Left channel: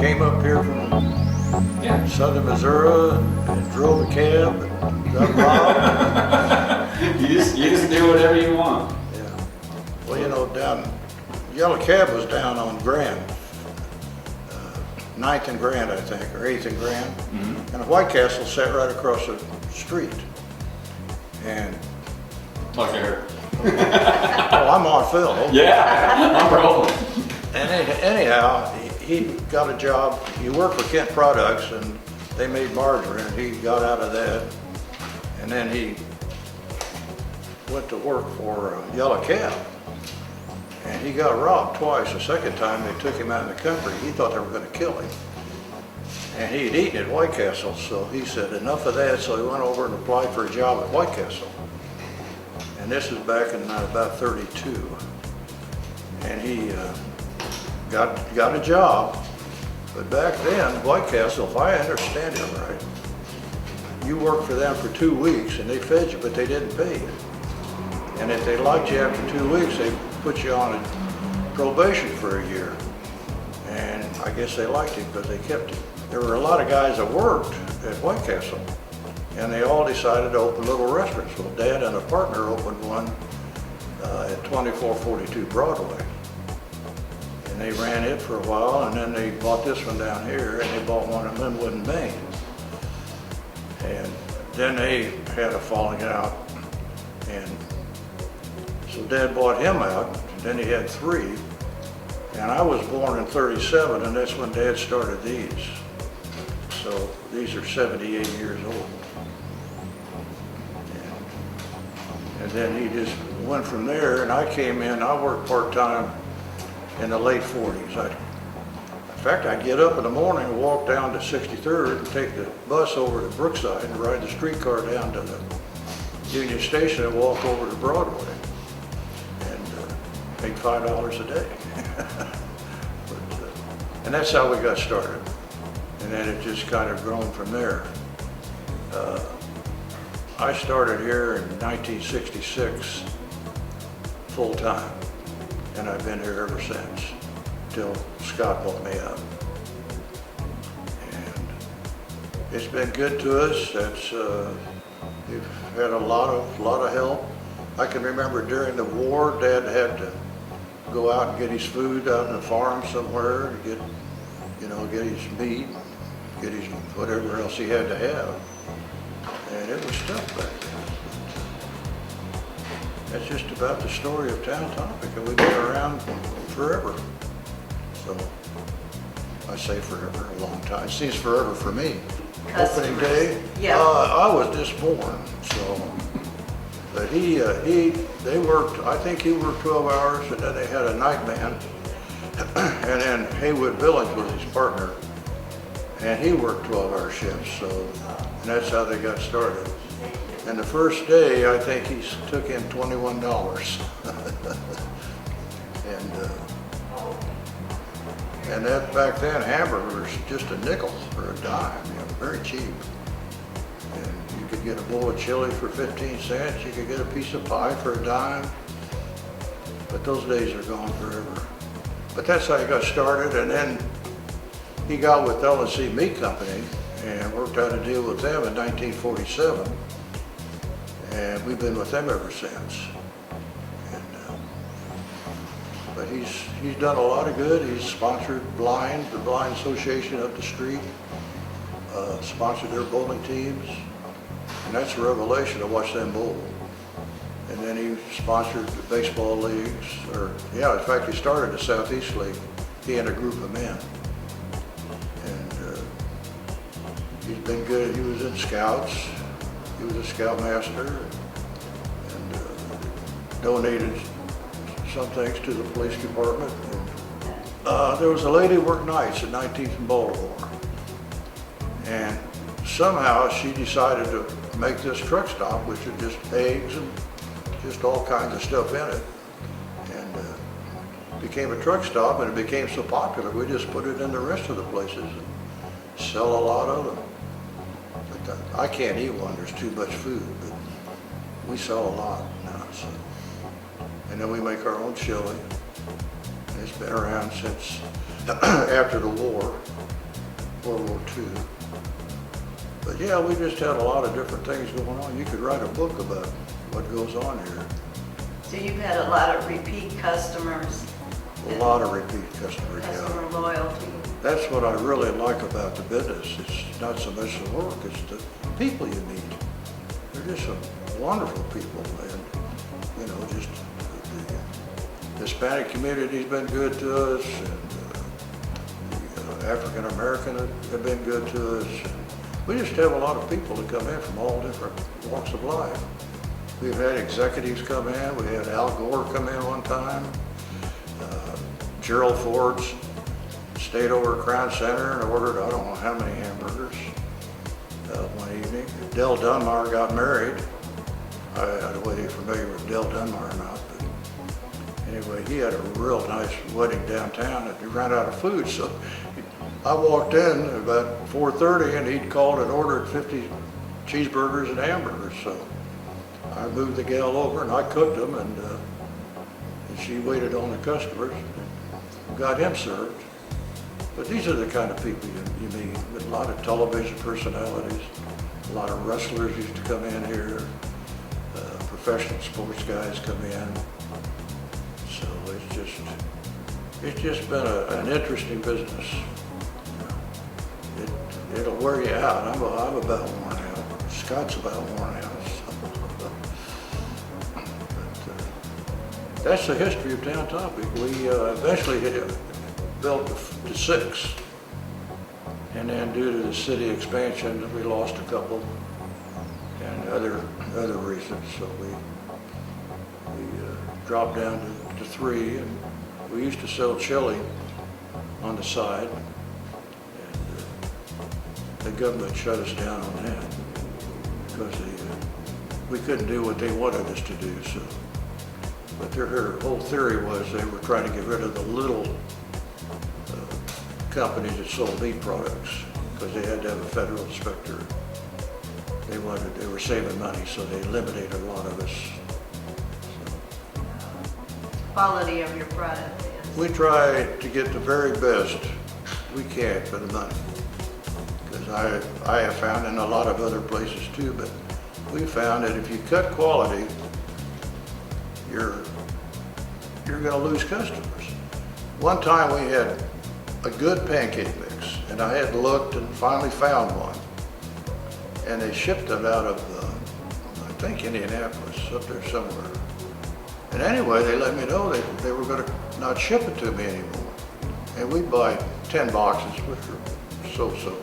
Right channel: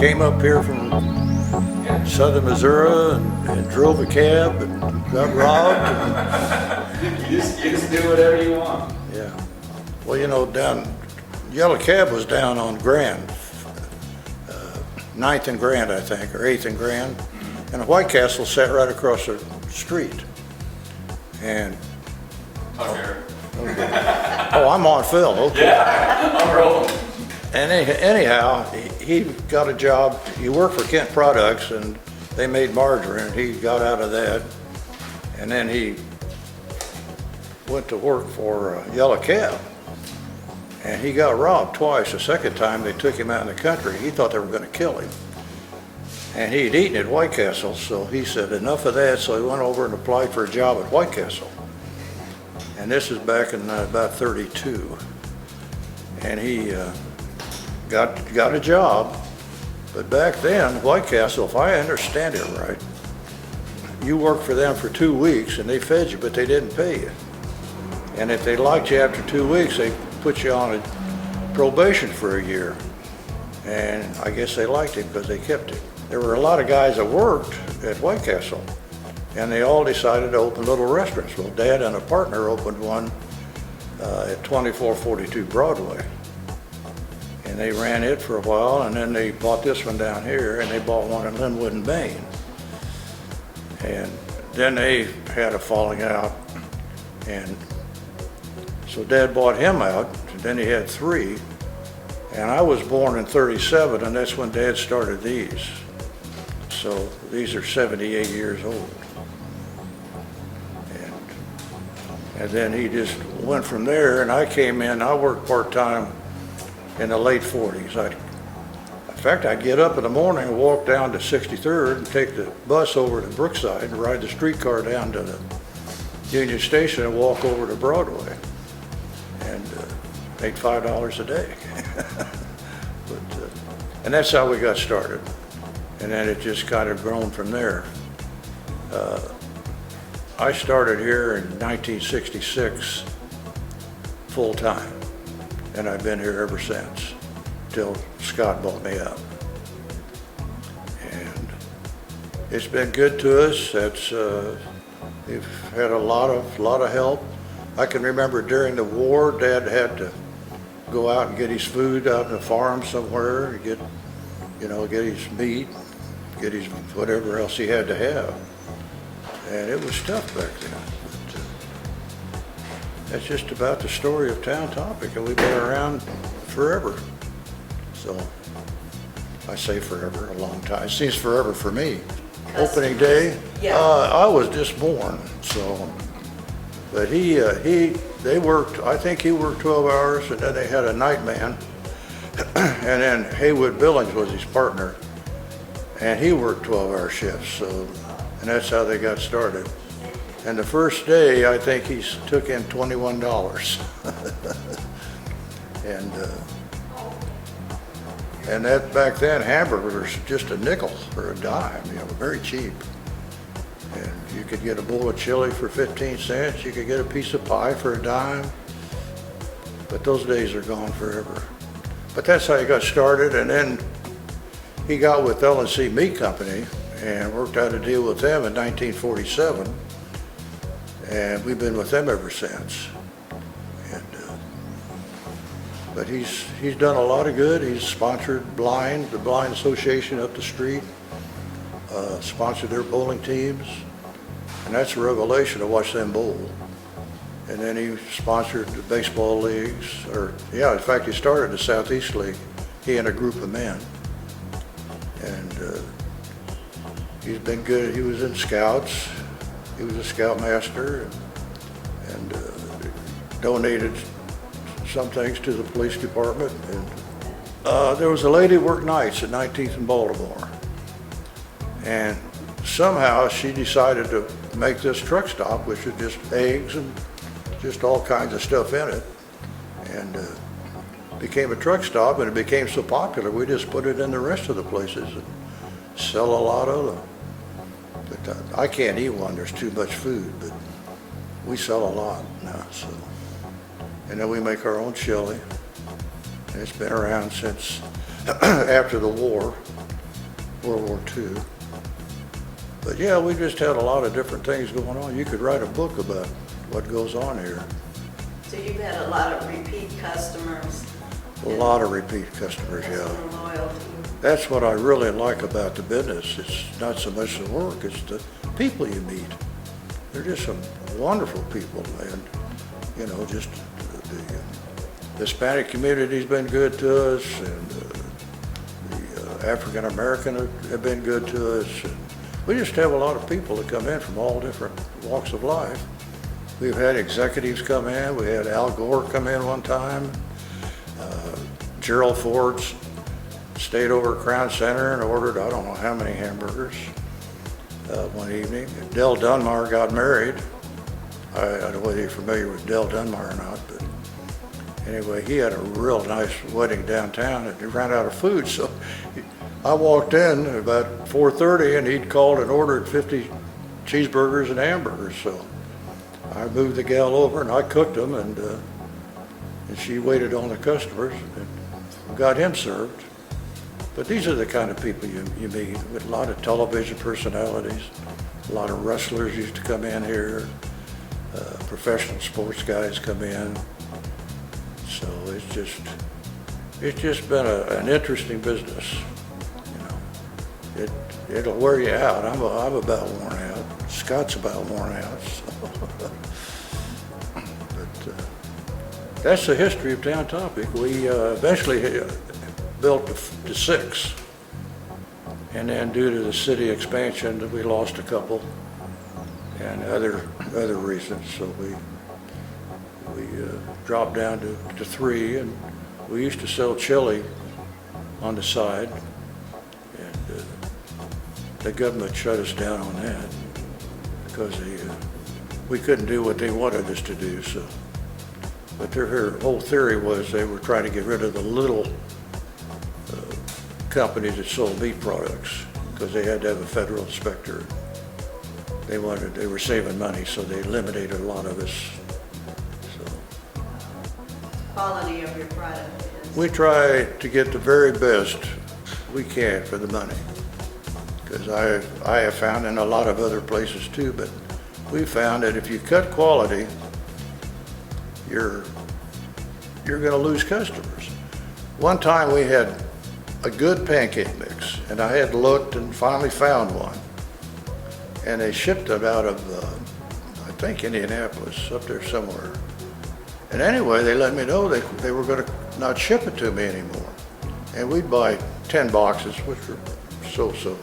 Came up here from southern Missouri and drove a cab and got robbed. You just do whatever you want. Yeah. Well, you know, Yellow Cab was down on Grand, 9th and Grand, I think, or 8th and Grand. Mm-hmm. And White Castle sat right across the street. And oh, I'm on film. Yeah, I'm rolling. And anyhow, he got a job. He worked for Kent Products, and they made margarine. He got out of that, and then he went to work for Yellow Cab, and he got robbed twice. The second time they took him out in the country. He thought they were going to kill him, and he had eaten at White Castle, so he said enough of that. So he went over and applied for a job at White Castle, and this is back in about '32, and he got a job. But back then, White Castle, if I understand it right, you worked for them for 2 weeks and they fed you, but they didn't pay you. And if they liked you after 2 weeks, they put you on a probation for a year. And I guess they liked it because they kept it. There were a lot of guys that worked at White Castle, and they all decided to open little restaurants. Well, Dad and a partner opened one at 2442 Broadway. And they ran it for a while, and then they bought this one down here, and they bought one in Linwood and Maine. And then they had a falling out, and so Dad bought him out. Then he had 3, and I was born in '37, and that's when Dad started these. So these are 78 years old. And then he just went from there, and I came in. I worked part-time in the late 40s. In fact, I'd get up in the morning and walk down to 63rd and take the bus over to Brookside and ride the streetcar down to the Union Station and walk over to Broadway and make $5 a day. And that's how we got started. And then it just kind of grown from there. I started here in 1966 full time. And I've been here ever since, till Scott bought me out. And it's been good to us. We've had a lot of help. I can remember during the war, Dad had to go out and get his food out on the farm somewhere, get his meat, get his whatever else he had to have. And it was tough back then. That's just about the story of Town Topic, and we've been around forever. So I say forever, a long time. It seems forever for me. Opening day, yeah. I was just born, so. But they worked. I think he worked 12 hours, and then they had a night man, and then Haywood Billings was his partner, and he worked 12-hour shifts. So, and that's how they got started. And the first day, I think he took in $21. and that back then, hamburgers just a nickel or a dime, very cheap. And you could get a bowl of chili for 15 cents. You could get a piece of pie for a dime. But those days are gone forever. But that's how he got started. And then he got with L&C Meat Company and worked out a deal with them in 1947. And we've been with them ever since. And, but he's done a lot of good. He's sponsored the Blind Association up the street, sponsored their bowling teams, and that's a revelation to watch them bowl. And then he sponsored the baseball leagues, in fact, he started the Southeast League, he and a group of men. And he's been good. He was in Scouts. He was a scoutmaster and donated some things to the police department. And, there was a lady who worked nights at 19th and Baltimore. And somehow she decided to make this truck stop, which is just eggs and just all kinds of stuff in it. And became a truck stop, and it became so popular, we just put it in the rest of the places and sell a lot of them. But I can't eat one, there's too much food, but we sell a lot now. So. And then we make our own chili. And it's been around since after the war, World War II. But yeah, we just had a lot of different things going on. You could write a book about what goes on here. So you've had a lot of repeat customers. A lot of repeat customers, yeah. Customer loyalty. That's what I really like about the business. It's not so much the work, it's the people you meet. They're just some wonderful people, and you know, just the Hispanic community's been good to us, and the African American have been good to us. And we just have a lot of people that come in from all different walks of life. We've had executives come in. We had Al Gore come in one time. Gerald Ford's stayed over at Crown Center and ordered I don't know how many hamburgers one evening. And Dell Dunmar got married. I don't know whether you're familiar with Dell Dunmar or not, but anyway, he had a real nice wedding downtown, and he ran out of food. So I walked in at about 4:30, and he'd called and ordered 50 cheeseburgers and hamburgers. So I moved the gal over, and I cooked them, and she waited on the customers and got him served. But these are the kind of people you meet, with a lot of television personalities. A lot of wrestlers used to come in here. Professional sports guys come in. So it's just been an interesting business. It'll wear you out. I'm about worn out. Scott's about worn out. So. But that's the history of Town Topic. We eventually built to 6, and then due to the city expansion, we lost a couple, and other reasons. So we dropped down to 3, and we used to sell chili on the side, and the government shut us down on that because we couldn't do what they wanted us to do. So, but their whole theory was they were trying to get rid of the little companies that sold meat products because they had to have a federal inspector. They were saving money, so they eliminated a lot of us. So, Quality of your product is. we try to get the very best we can for the money, because I have found in a lot of other places too, but we found that if you cut quality, you're going to lose customers. One time we had a good pancake mix, and I had looked and finally found one, and they shipped them out of I think Indianapolis, up there somewhere. And anyway, they let me know they were going to not ship it to me anymore, and we'd buy 10 boxes, which were so.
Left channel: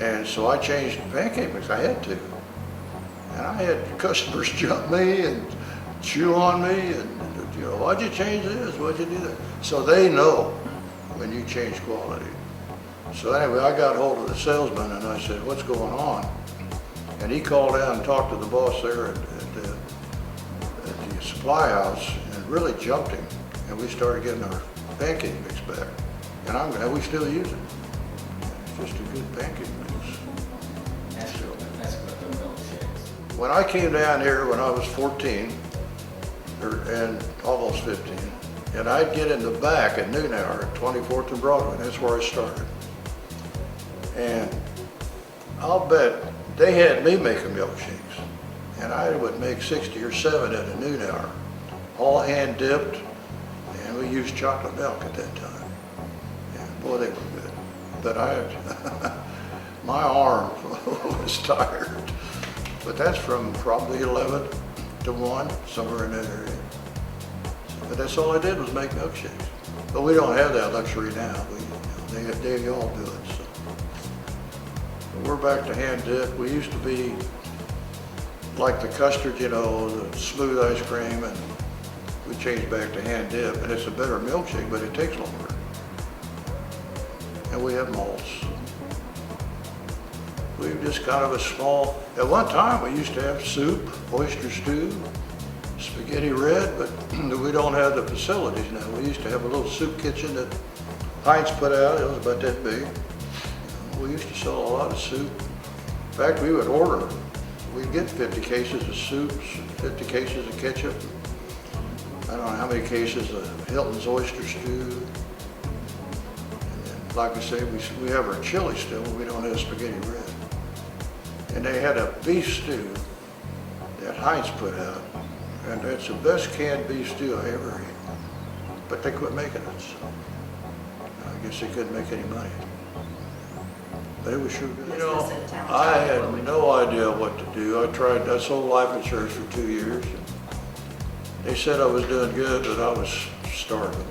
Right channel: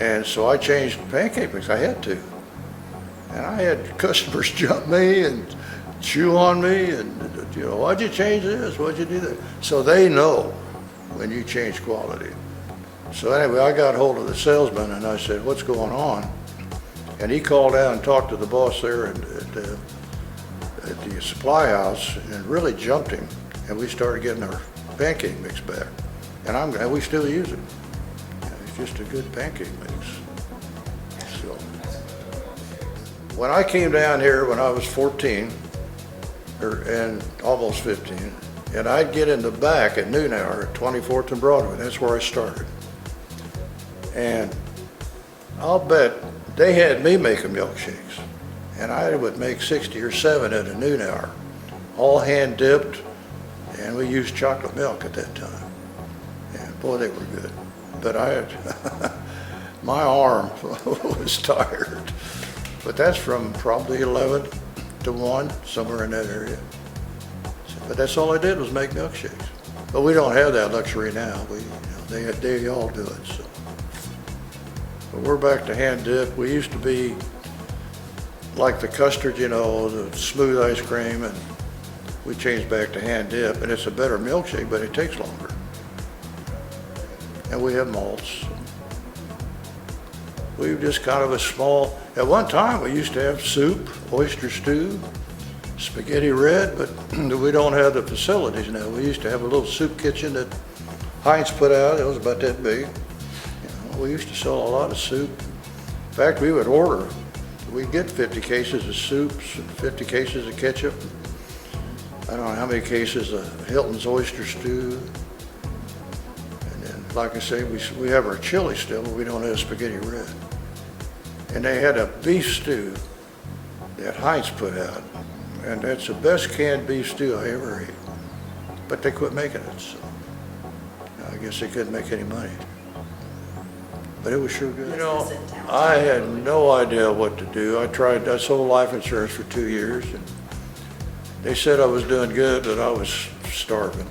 And so I changed the pancake mix. I had to, and I had customers jump me and chew on me, and you know, why'd you change this? Why'd you do that? So they know when you change quality. So anyway, I got hold of the salesman and I said, what's going on? And he called out and talked to the boss there at the supply house and really jumped him. And we started getting our pancake mix back. And I'm glad we still use it. It's just a good pancake mix. So, when I came down here when I was 14, and almost 15, and I'd get in the back at noon hour at 24th and Broadway. That's where I started. And I'll bet they had me making milkshakes, and I would make 60 or 7 at a noon hour, all hand dipped, and we used chocolate milk at that time. And boy, they were good. But I had, my arm was tired. But that's from probably 11 to 1, somewhere in that area. But that's all I did was make milkshakes. But we don't have that luxury now. They all do it. So. But we're back to hand dip. We used to be like the custard, you know, the smooth ice cream, and we changed back to hand dip, and it's a better milkshake, but it takes longer. And we have malts. We were just kind of a small, at one time, we used to have soup, oyster stew, spaghetti red, but we don't have the facilities now. We used to have a little soup kitchen that Heinz put out. It was about that big. You know, we used to sell a lot of soup. In fact, we would order, we'd get 50 cases of soups, 50 cases of ketchup. I don't know how many cases of Hilton's oyster stew. And then, like I say, we have our chili still, but we don't have spaghetti red. And they had a beef stew that Heinz put out. And that's the best canned beef stew I ever ate. But they quit making it, so I guess they couldn't make any money. But it was sure good. You know, I had no idea what to do. I sold life insurance for 2 years. And they said I was doing good, but I was starving.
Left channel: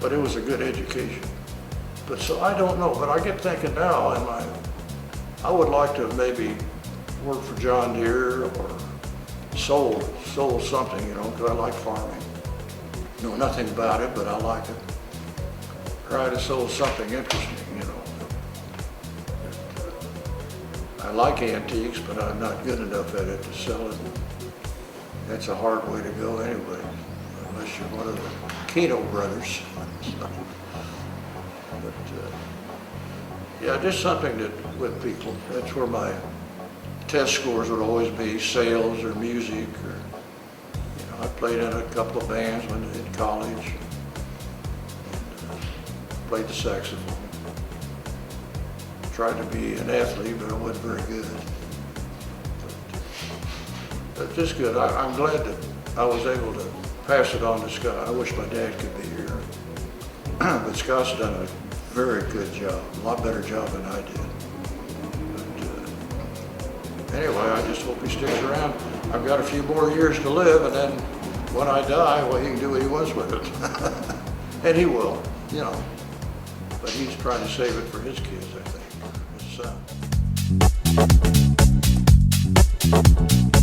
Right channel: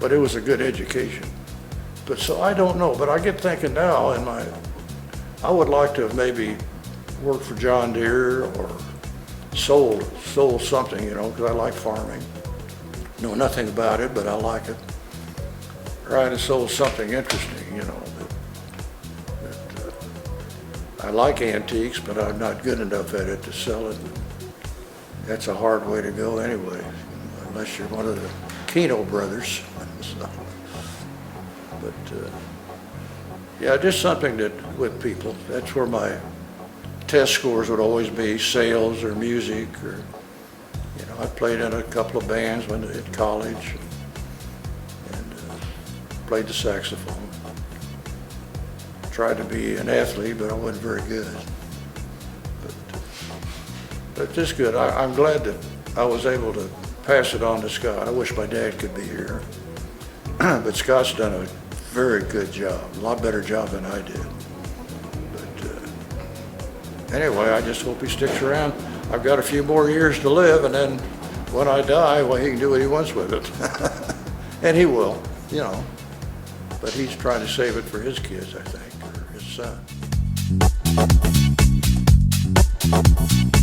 But it was a good education. But so I don't know, but I get thinking now, I would like to maybe work for John Deere or sold something, you know, because I like farming. Know nothing about it, but I like it. Trying to sell something interesting, you know. I like antiques, but I'm not good enough at it to sell it. That's a hard way to go anyway, unless you're one of the Keno brothers. So, but yeah, just something that with people. That's where my test scores would always be, sales or music, or you know, I played in a couple of bands when in college, and played the saxophone. Tried to be an athlete, but I wasn't very good. But just good. I'm glad that I was able to pass it on to Scott. I wish my dad could be here, but Scott's done a very good job, a lot better job than I did. Anyway, I just hope he sticks around. I've got a few more years to live, and then when I die, well, he can do what he wants with it. And he will, you know. But he's trying to save it for his kids, I think, or his son.